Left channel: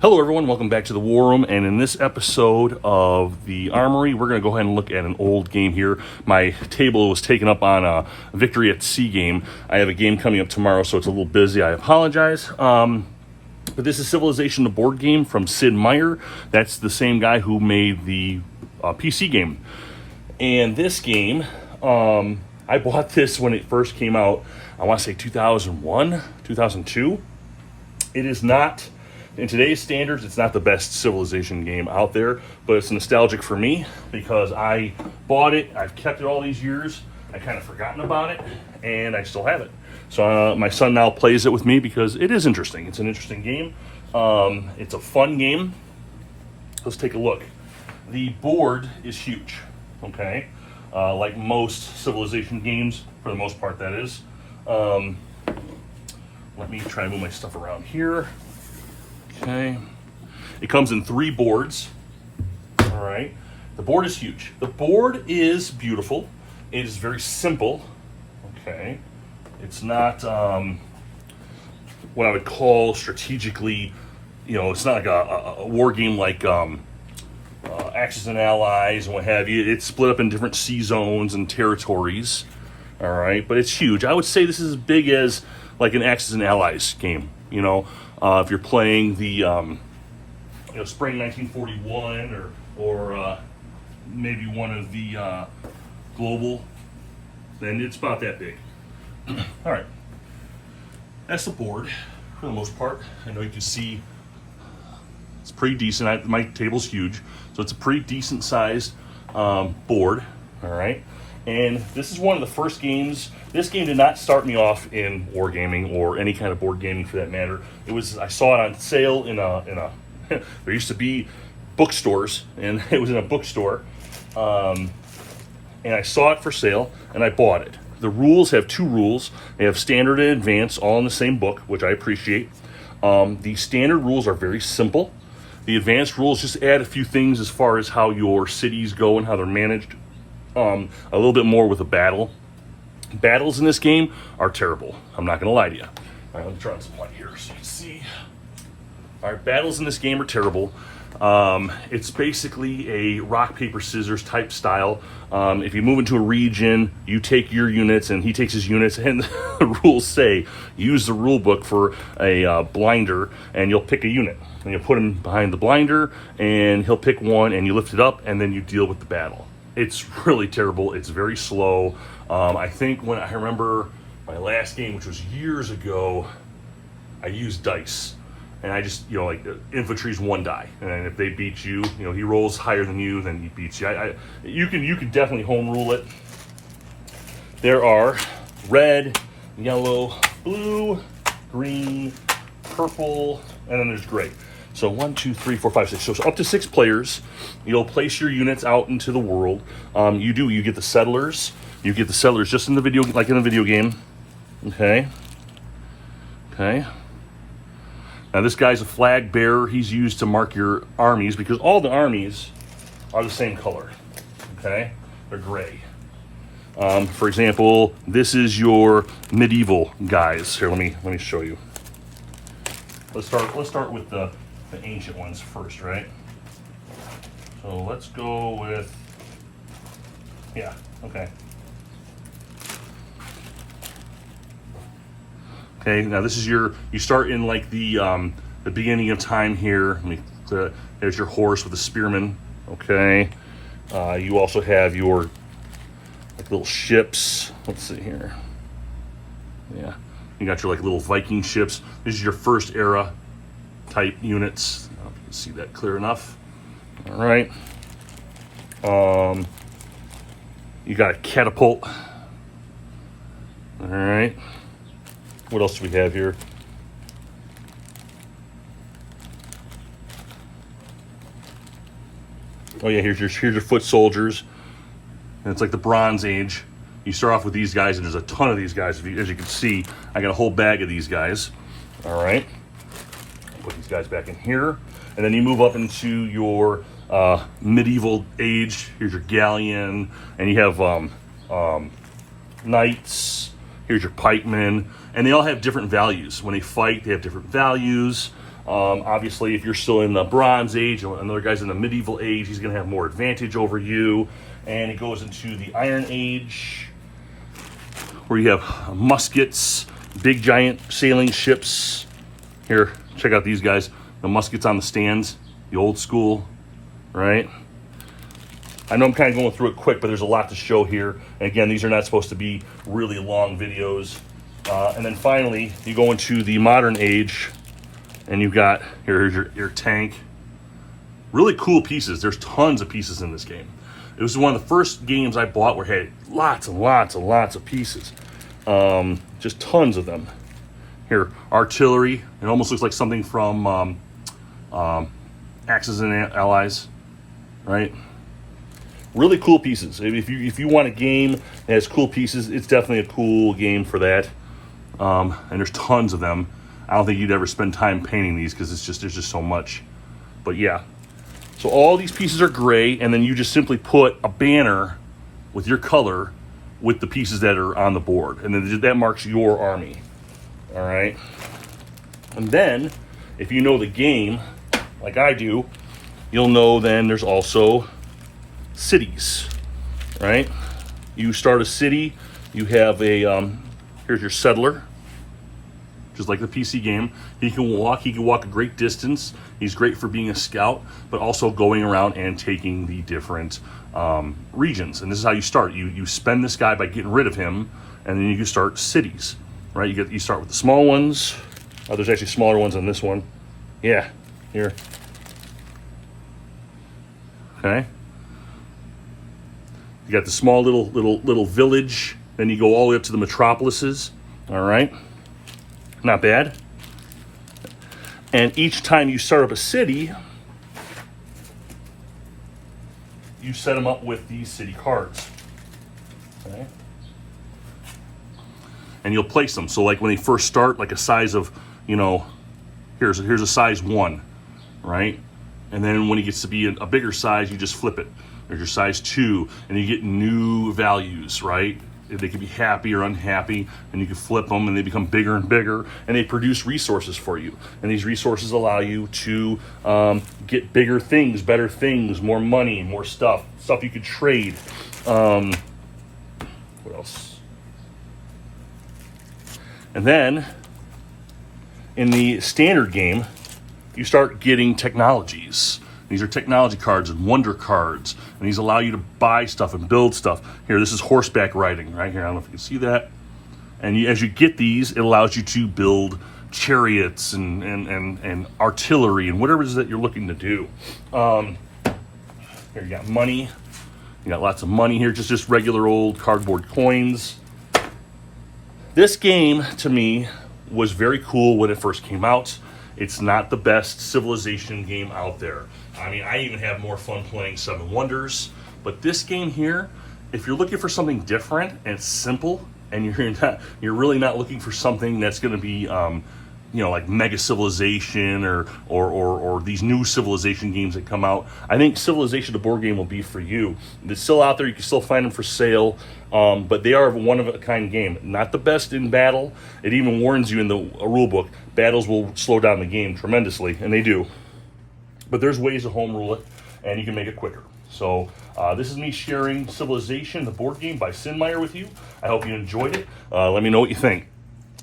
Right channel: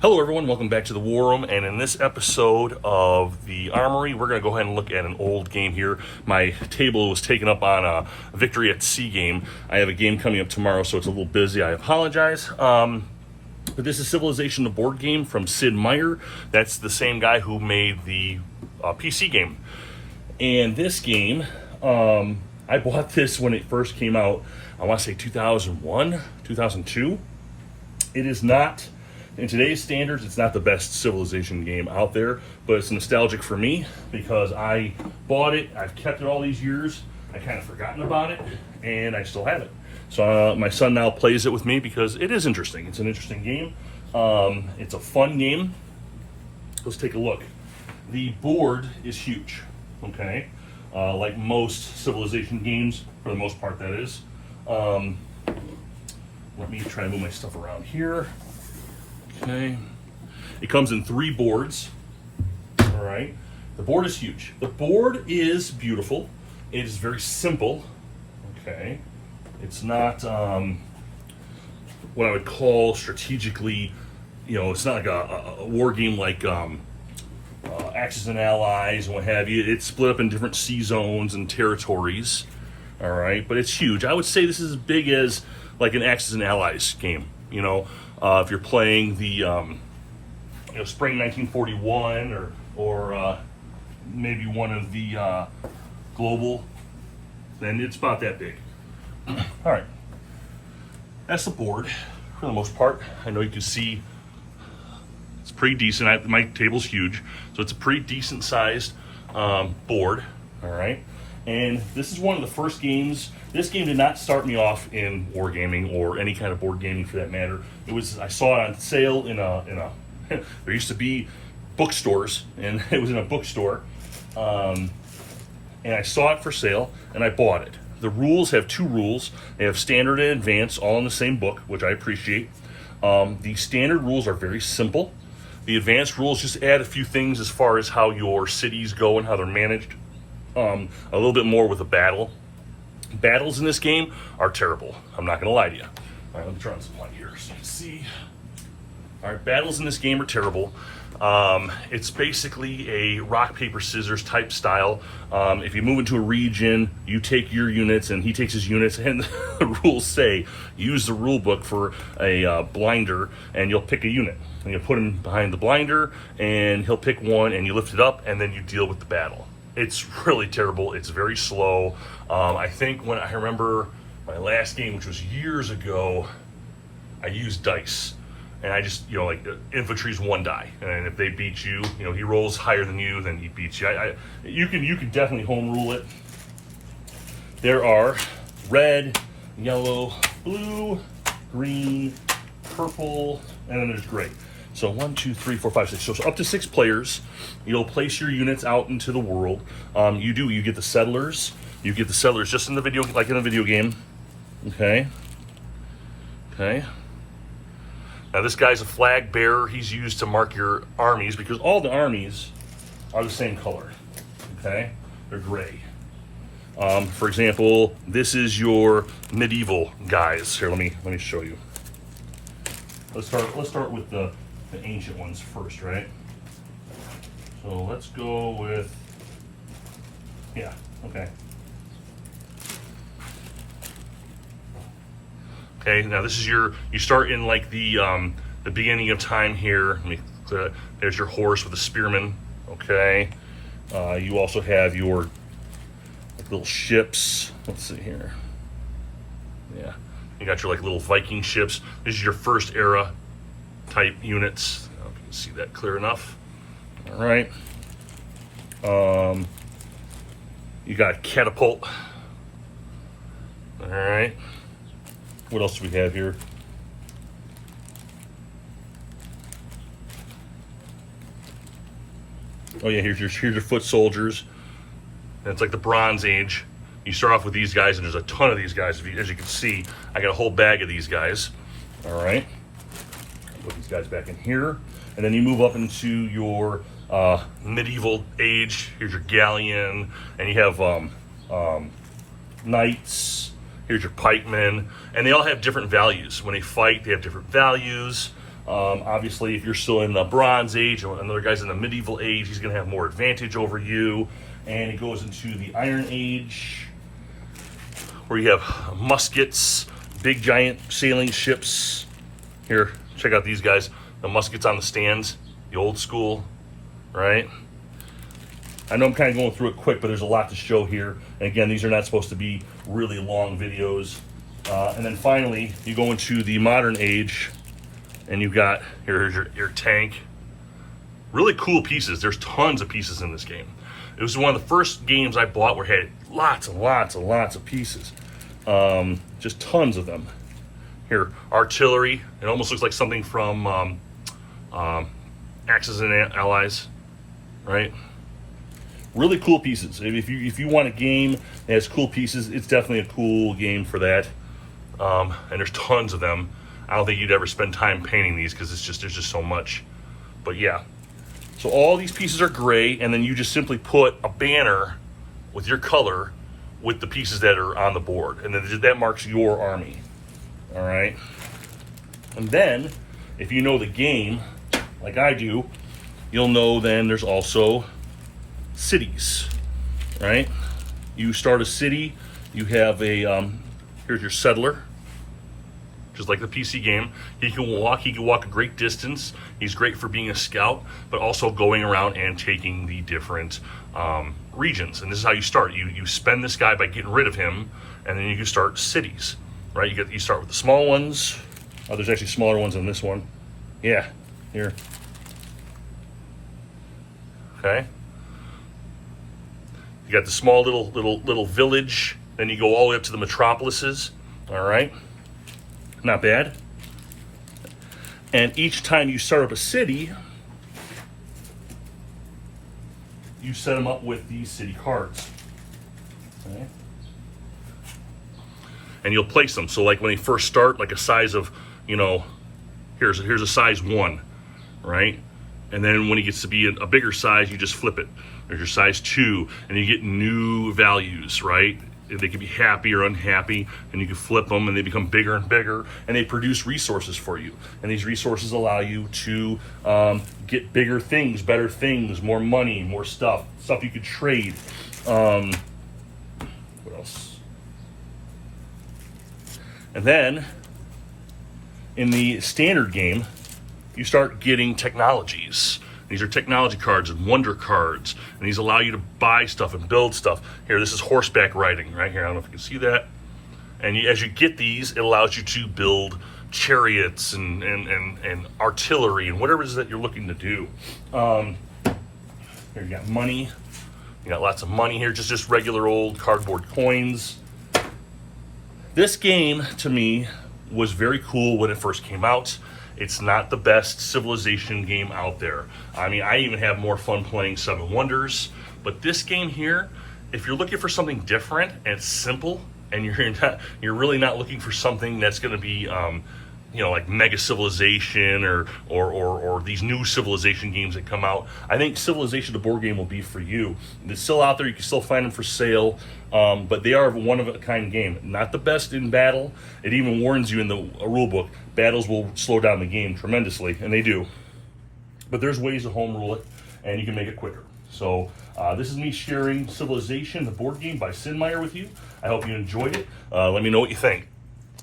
Hello everyone, welcome back to the War Room, and in this episode of the Armory, we're going to go ahead and look at an old game here. My table was taken up on a Victory at Sea game. I have a game coming up tomorrow, so it's a little busy. I apologize. But this is Civilization, the board game from Sid Meier. That's the same guy who made the PC game. And this game, I bought this when it first came out, I want to say 2001, 2002. It is not... In today's standards, it's not the best Civilization game out there, but it's nostalgic for me because I bought it, I've kept it all these years, I kind of forgotten about it, and I still have it. So my son now plays it with me because it is interesting. It's an interesting game. It's a fun game. Let's take a look. The board is huge, okay? Like most Civilization games, for the most part that is. Let me try to move my stuff around here. Okay, it comes in 3 boards. All right, the board is huge. The board is beautiful. It is very simple. Okay, it's not what I would call strategically. It's not like a war game like Axis and Allies and what have you. It's split up in different sea zones and territories. All right, but it's huge. I would say this is as big as like an Axis and Allies game. If you're playing the Spring 1941 or maybe one of the global, then it's about that big. All right, that's the board for the most part. I know you can see it's pretty decent. My table's huge, so it's a pretty decent sized board. All right, and this is one of the first games. This game did not start me off in wargaming or any kind of board gaming for that matter. I saw it on sale in a there used to be bookstores, and it was in a bookstore. And I saw it for sale, and I bought it. The rules have 2 rules. They have standard and advanced, all in the same book, which I appreciate. The standard rules are very simple. The advanced rules just add a few things as far as how your cities go and how they're managed. A little bit more with a battle. Battles in this game are terrible. I'm not going to lie to you. All right, let me try on some light here so you can see. All right, battles in this game are terrible. It's basically a rock, paper, scissors type style. If you move into a region, you take your units and he takes his units, and the rules say use the rule book for a blinder, and you'll pick a unit. And you'll put him behind the blinder, and he'll pick one, and you lift it up, and then you deal with the battle. It's really terrible. It's very slow. I think when I remember my last game, which was years ago, I used dice, and I just like infantry's 1 die, and if they beat you, he rolls higher than you, then he beats you. You can definitely home rule it. There are red, yellow, blue, green, purple, and then there's gray. So 1, 2, 3, 4, 5, 6. So up to 6 players. You'll place your units out into the world. You get the settlers. You get the settlers just in the video, like in a video game. Okay. Now this guy's a flag bearer. He's used to mark your armies because all the armies are the same color. Okay, they're gray. For example, this is your medieval guys. Here, let me show you. Let's start with the ancient ones first, right? So let's go with, okay. Okay, now this is you start in like the beginning of time here. There's your horse with a spearman, okay. You also have your little ships. Let's see here. Yeah, you got your little Viking ships. This is your first era type units. I hope you can see that clear enough. All right. You got a catapult. All right. What else do we have here? Oh yeah, here's your foot soldiers. And it's like the Bronze Age. You start off with these guys, and there's a ton of these guys. As you can see, I got a whole bag of these guys. All right. Put these guys back in here, and then you move up into your medieval age. Here's your galleon, and you have knights. Here's your pikemen, and they all have different values. When they fight, they have different values. Obviously, if you're still in the Bronze Age or another guy's in the Medieval Age, he's going to have more advantage over you. And it goes into the Iron Age, where you have muskets, big giant sailing ships. Here, check out these guys. The muskets on the stands, the old school, right? I know I'm kind of going through it quick, but there's a lot to show here. And again, these are not supposed to be really long videos. And then finally, you go into the modern age, and you've got, here's your tank. Really cool pieces. There's tons of pieces in this game. It was one of the first games I bought where it had lots and lots and lots of pieces. Just tons of them. Here, artillery. It almost looks like something from Axis and Allies, right? Really cool pieces. If you want a game that has cool pieces, it's definitely a cool game for that. And there's tons of them. I don't think you'd ever spend time painting these because there's just so much. But yeah. So all these pieces are gray, and then you just simply put a banner with your color with the pieces that are on the board. And then that marks your army. All right. And then, if you know the game, like I do, you'll know then there's also cities, right? You start a city, you have a, here's your settler, just like the PC game. He can walk a great distance. He's great for being a scout, but also going around and taking the different regions. And this is how you start. You spend this guy by getting rid of him, and then you can start cities, right? You start with the small ones. Oh, there's actually smaller ones than this one. Yeah, here. Okay. You got the small little village, then you go all the way up to the metropolises. All right, not bad. And each time you start up a city, you set them up with these city cards. Okay. And you'll place them. So like when they first start, like a size of, here's a size 1, right? And then when it gets to be a bigger size, you just flip it. There's your size 2, and you get new values, right? They can be happy or unhappy, and you can flip them, and they become bigger and bigger, and they produce resources for you. And these resources allow you to get bigger things, better things, more money, more stuff you could trade. What else? And then, in the standard game, you start getting technologies. These are technology cards and wonder cards, and these allow you to buy stuff and build stuff. Here, this is horseback riding right here. I don't know if you can see that. And as you get these, it allows you to build chariots and artillery and whatever it is that you're looking to do. Here you got money. You got lots of money here, just regular old cardboard coins. This game, to me, was very cool when it first came out. It's not the best Civilization game out there. I mean, I even have more fun playing Seven Wonders. But this game here, if you're looking for something different and it's simple, and you're really not looking for something that's going to be, like Mega Civilization or these new Civilization games that come out, I think Civilization, the board game, will be for you. It's still out there. You can still find them for sale, but they are a one-of-a-kind game. Not the best in battle. It even warns you in the rule book, battles will slow down the game tremendously, and they do. But there's ways to home rule it, and you can make it quicker. So this is me sharing Civilization, the board game by Sid Meier with you. I hope you enjoyed it. Let me know what you think.